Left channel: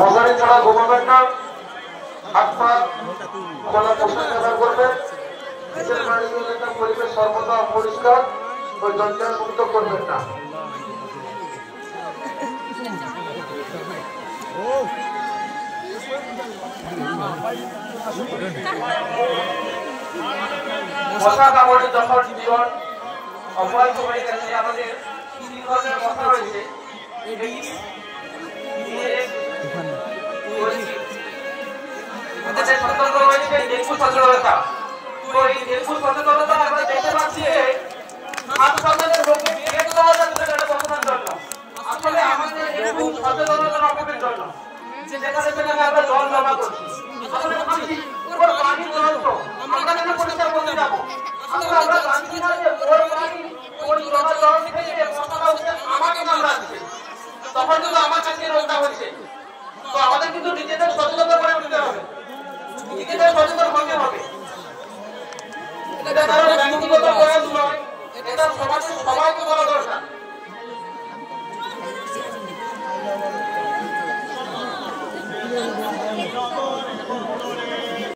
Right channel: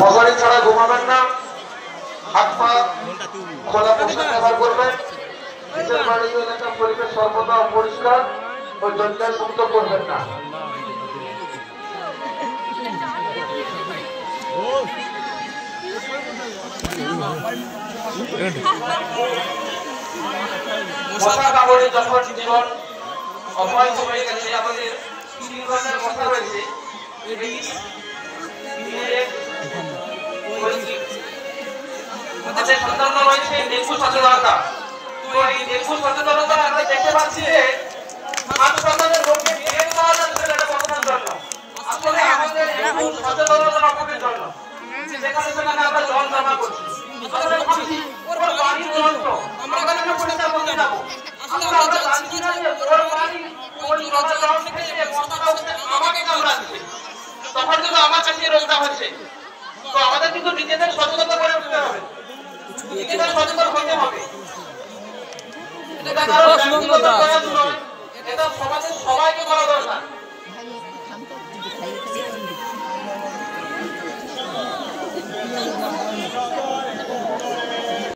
মশারি ছাড়া ঘুমাবেন না, হাত পা খোলা পোশাক ব্যবহার করবেন, পরিবেশ সর্বদা পরিষ্কার ওই জঞ্জাল মুক্ত করবেন না। মশা কামড়ে যখন জীবন অপমানিত হয়ে গেছে, আমাদের 3 ধরনের মশা রয়েছে। রয়েছে ডেঙ্গু সচেতনতা। তো এই ডেঙ্গু সচেতনতা আমরা দেখতে পাচ্ছি যে হাসপাতালের রোগী বের করা যাচ্ছে এটা কতক্ষণ জন্য। আসলে আমাদের ডেঙ্গু সচেতনতা আমাদের জন্য যেখানে সেখানে আমরা জল জমা করছি, আমরা ভাবছি ওর পানি জল তো আমরা কেন পরিষ্কার করতে যাবো। আমরা জানছি না যে ওর পানি ওর জমা জল থেকে যে মশাটা হচ্ছে আমাকে কামড়াচ্ছে, তখন কিন্তু আমার কাছে রোগটা হচ্ছে। তো আমাদের কিন্তু নিজেদের সচেতনতা করে উঠতে হবে, নিজেদের সচেতন হতে হবে। এটা কারো ব্যক্তিগত